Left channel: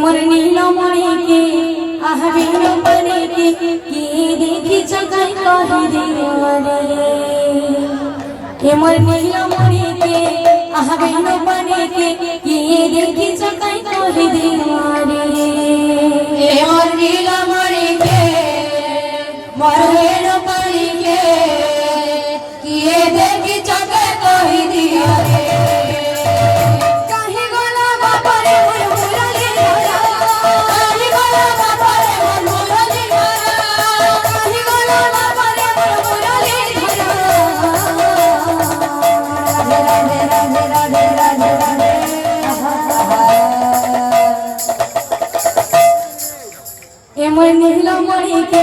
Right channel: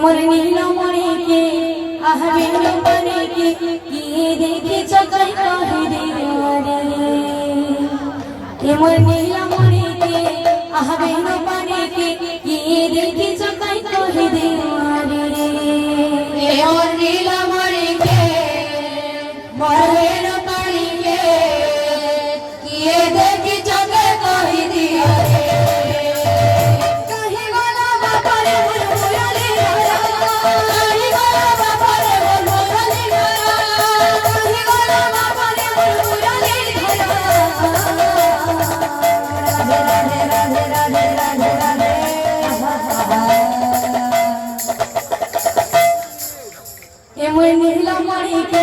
मोर नीलो मणि के आह बेनो मणि के ये देखे चकाई कहे दीवाने मोर नीलो मणि के आह बेनो मणि के ये देखे चकाई कहे दीवाने मोर नीलो मणि के मोर बेनो मणि के ये देखे चकाई कहे दीवाने मोर नीला मणि के